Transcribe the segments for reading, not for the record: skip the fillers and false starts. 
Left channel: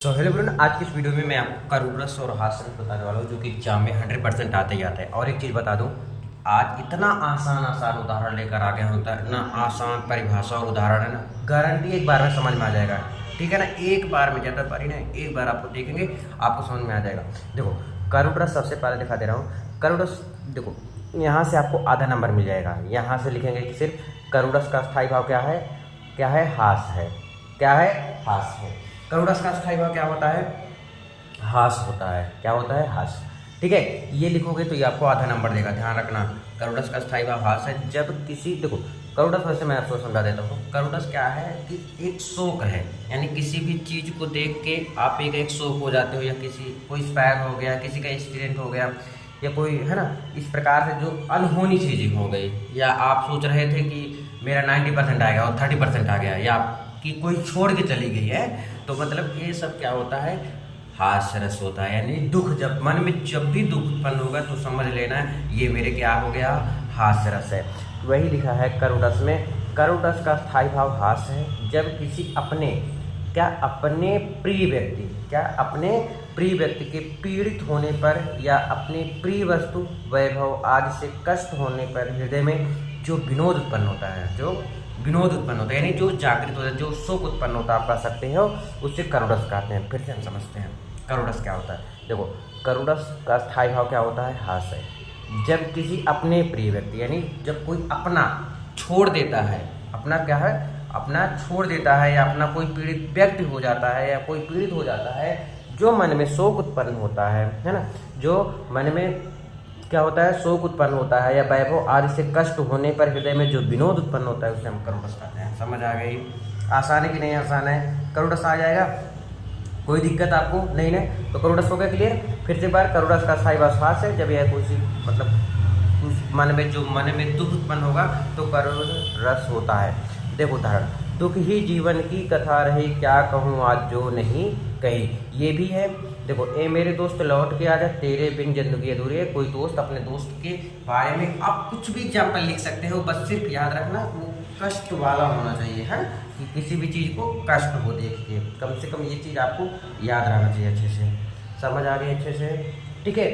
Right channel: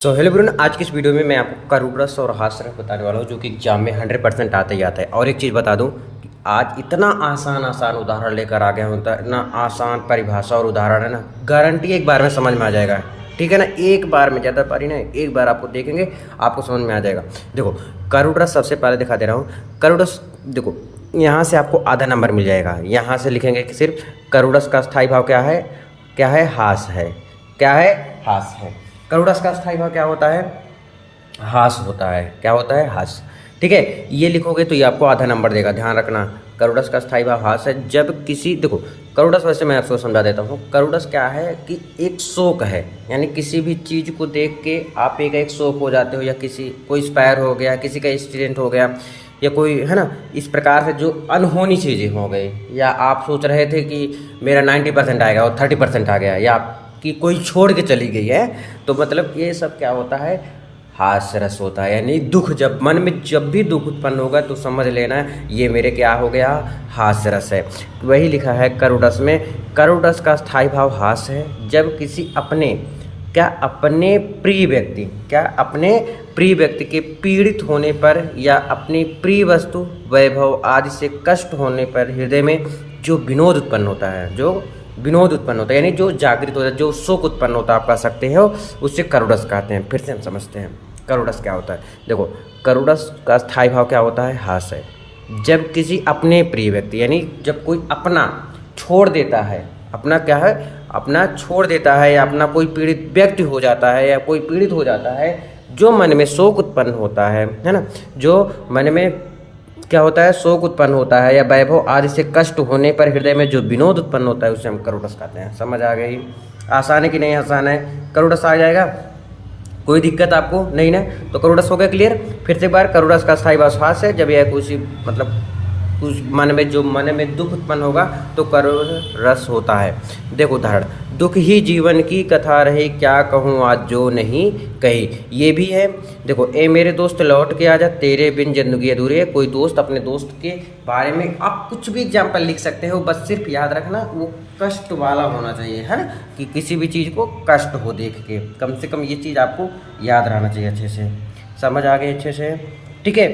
So hello everyone, आज की इस वीडियो में मैं आपको करूण रस और हास्य रस बताने वाला हूँ जो कि एग्जाम में 100% आता ही आता है। और एक चीज़ बता दूँ कि आज इतना आसान आसान उदाहरण लेकर आ गया होता है, इतना आसान परिभाषा और उदाहरण है ना, गारंटी एक बार में समझ में आ जाएगा। ठीक है ना, एक बार में, ज़्यादा पारी नहीं, एक बार आपको देखेंगे आपको समझ में आ जाएगा। देखो, करूण रस सबसे पहले दिखा दे रहा हूँ। करूण रस देखो, यहाँ से आपको आधा नंबर मिल जाएगा। यहाँ से लिखेंगे कि सिर्फ करूण रस का स्थायी भाव क्या है, क्या है, हास है। क्या है, हास है। करूण रस का स्थायी भाव क्या होता है, हास होता है। क्या होता है, हास। ठीक है, ये लिखोगे तो ये आपको आधा नंबर देगा, ध्यान रखना। करूण रस का स्थायी भाव हास है। जब किसी, देखो करूण रस, वैसे मैं आपको समझा देता हूँ। करूण रस क्या है कि एक शोक है, यानी किसी भी चीज़ को देख के आप एक शोक हो जाते हो, या किसी कोई इंस्पायर हो गया, किसी का एक्सीडेंट हो गया, या कोई है ना, इस प्रकार से जो अनहोनी चीज़ें हो गई, या आप सोच रहे थे कि मेरा 90% आएगा और 30% आ गया, या कि कोई छोड़ के चली गई है, तो मतलब ये सब क्या होता है, हास्य रस होता है। यानी दुख, जब मन में जब भी दुख उत्पन्न होगा तो समझ लेना ये मेरे क्या हो गया, हास्य रस है। वही लिखा है करूण रस में। करूण रस का स्थायी भाव हास्य है। जब किसी अपने, क्या, अपने प्रिय व्यक्ति, क्या, अपने प्रिय व्यक्ति के पीड़ित होने पर, या अपनी प्रिय वस्तु, वैभव आदि से कष्ट होने पर हृदय में जो विनोद उत्पन्न होता है, जो विनोद उत्पन्न होता है, यानी जो जागृत होता है, जो शोक उत्पन्न होता है, आप कह सकते हो, उससे करूण रस कहते हैं। फिर से हम समझते हैं करूण रस क्या होता है। देखो, करूण रस का स्थायी भाव क्या होता है, हास है। जब किसी अपने प्रिय व्यक्ति, यानी जब कोई अपना छोड़ देता है, अपना क्या है, अपना छोड़ देता है, या अपना कोई पीड़ित व्यक्ति हो जाता है, या कोई पीड़ित हो जाता है, जो मन में शोक उत्पन्न होता है ना, जो मन में क्या होता है, शोक उत्पन्न होता है, या वैभव आदि से कष्ट होने पर हृदय में जो विनोद उत्पन्न होता है, उसे हम करूण रस कहते हैं। समझ आ गई? आसान है कि नहीं आसान है? करूण रस आ जाएगा, कोई दिक्कत आपको नहीं ना? तो करूण रस हो गया क्लियर। फिर से एक बार, करूण रस का स्थायी भाव हास है। जब यह कुछ मतलब उस मन में, जो मन में दुख उत्पन्न होगा तो करूण रस होता है। देखो उदाहरण, दुख ही जीवन की कथा रही, क्या कहूँ आज जो नहीं कही, ये भी है। देखो, ए मेरे दोस्त लौट के आजा, तेरे बिन जिंदगी अधूरी है। कोई दोस्त अपने दोस्त के बारे में आप कुछ भी एग्जाम्पल लिख सकते हो, बस सिर्फ याद रखना वो कष्ट वाला होना चाहिए, है ना, कि किसी भी चीज़ को कष्ट हो देख के, कम से कम ये चीज़ आपको याद रहना चाहिए अच्छे से। समझ आ गई अच्छे से? ठीक है,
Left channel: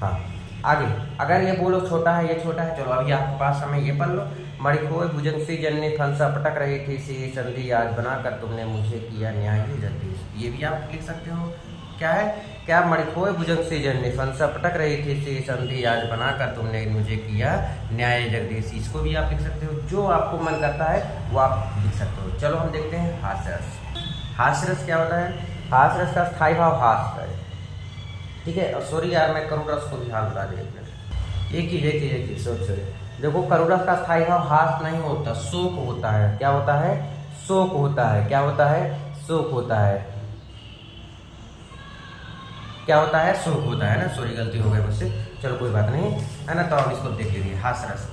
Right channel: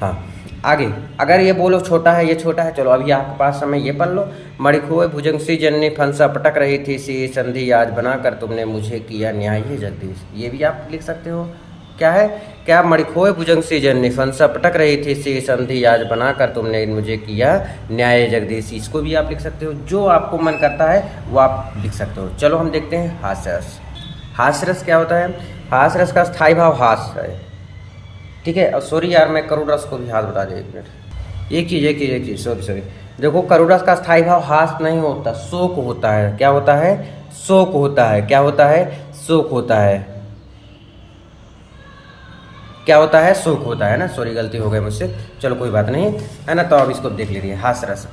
हाँ। आगे, अगर ये बोलो छोटा है, ये छोटा है, चलो अभी आपके पास समय, ये पढ़ लो। मणिखोए भुजंग सी जननी फंसा पटक रही थी, सी संधि आज बनाकर तुमने मुझे किया न्याय ही जगदीश। ये भी आप लिख सकते हो। क्या है, क्या, मणिखोए भुजंग सी जननी फंसा पटक रही थी, सी संधि आज बनाकर तुमने मुझे किया न्याय जगदीश। इसको भी आप लिख सकते हो, जो आपको मन करता है वो आप लिख सकते हो। चलो हम देखते हैं हास्य रस। हास्य रस क्या होता है? हास्य रस का स्थायी भाव हास है। ठीक है, और सॉरी यार, मैं करूण रस को भी हाथ बता दे, एक मिनट, एक चीज़ सॉरी। देखो, करूण रस का स्थायी भाव हास नहीं होता, शोक होता है। क्या होता है? शोक होता है। क्या होता है? शोक होता है। क्या होता है? शोक होता है ना। सॉरी, गलती हो गई मुझसे, चलो कोई बात नहीं, है ना। तो अब इसको देख लीजिए, हास्य रस।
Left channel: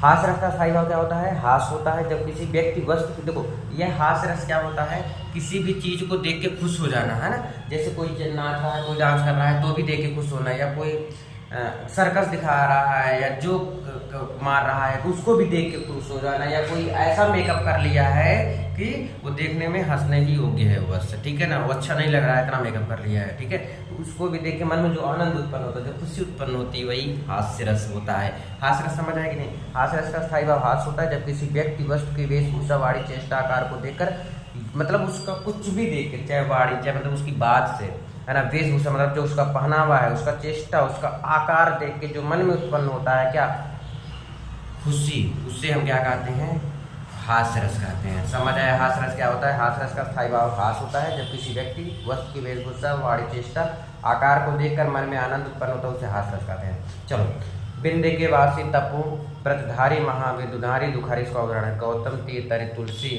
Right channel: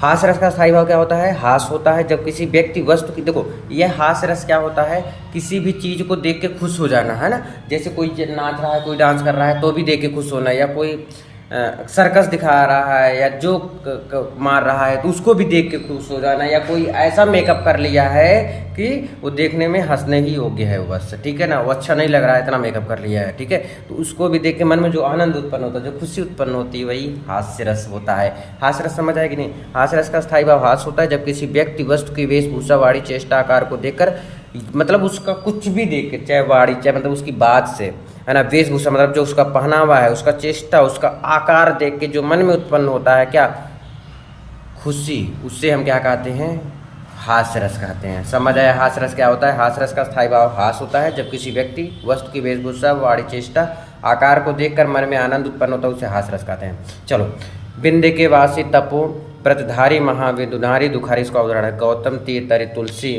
हास्य रस का स्थायी भाव क्या होता है? हास होता है। जब किसी व्यक्ति वस्तु की, देखो यह हास्य रस क्या होता है, किसी भी चीज़ को देख के खुश हो जाना, है ना। जैसे कोई नाच रहा है, कोई डांस कर रहा है तो भी देख के खुश होना, या कोई सर्कस दिखा रहा है, या जोक मार रहा है तो उसको भी देख के खुश हो जाना, या कोई ऐसा मेकअप कर लिया है कि वो देखने में हंसने ही योग्य है बस, ठीक है ना, वो अच्छा नहीं लग रहा है, इतना मेकअप कर लिया है, ठीक है, तो उसको भी देख के मन में जो आनंद उत्पन्न होता है, जो खुशी उत्पन्न होती है, वही हास्य रस होता है। हास्य रस समझ आए कि नहीं? हास्य रस का स्थायी भाव हास होता है। जब किसी व्यक्ति वस्तु की वेशभूषा, वाणी, चेष्टा, आकार को देखकर, मतलब उसका कुछ भी देख के, चाहे वाणी, चाहे मतलब उसकी बात से, है ना, वेशभूषा मतलब जो उसका पहनावा है, उसका चेष्टा, उसका आकार देख के जो मन में उत्पन्न होता है, क्या, खुशी, उससे हम क्या कहते हैं? हास्य रस कहते हैं। समझ आया हास्य रस क्या होता है? हास्य रस का स्थायी भाव हास होता है। जब किसी व्यक्ति वस्तु की वेशभूषा, वाणी, चेष्टा, आकार को देखकर मन में आनंद उत्पन्न होता है, उसे हास्य रस कहते हैं। चलो, बिंदे के वासी तपो व्रतधारी महाविदुनारी दुखारी, इसका उदाहरण है गौतम तीर तरि तुलसी,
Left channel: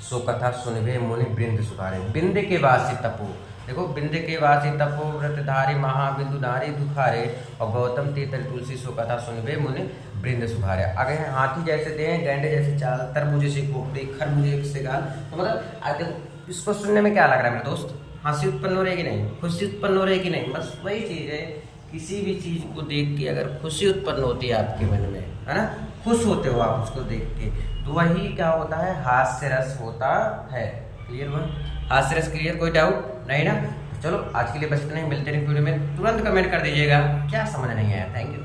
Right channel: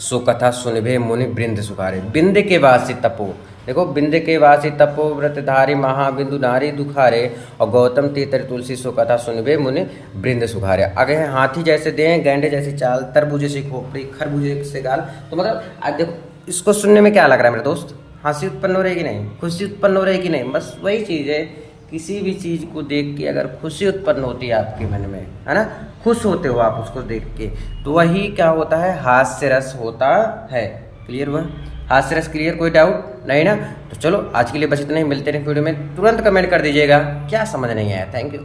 सो कथा सुनिभे मुनि वृंद सुखारे। बिंदे के वासी तपो, देखो, बिंदे के वासी तपो व्रतधारी महाबिंदु नारी दुखारे, और गौतम तीतर तुलसी सो कथा सुनिभे मुनि वृंद सुखारे। आगे है हाथी जैसे दें, गैंडे जैसी चाल, तरबूजे से खोपड़ी, खरबूजे से गाल। तो मतलब देखो, इसको सुनने में क्या लग रहा है मेरे दोस्त? हंसी उत्पन्न हो रही है कि नहीं? खुशी उत्पन्न हो रही है कि नहीं? बस वही चीज़ है, किसी भी चीज़ को देख के अगर खुशी उत्पन्न होती है आपके मन में, है ना, खुश होते हो आप उसको देख के, तो वही क्या होता है? हास्य रस होता है। क्लियर हुआ? हास्यरस क्लियर, कोई डाउट नहीं ना? तो चलो आज के लिए बस इतना ही, मिलते रहे वीडियो में, तुरंत कमेंट कर दीजिएगा क्या समझ नहीं आया। Thank you.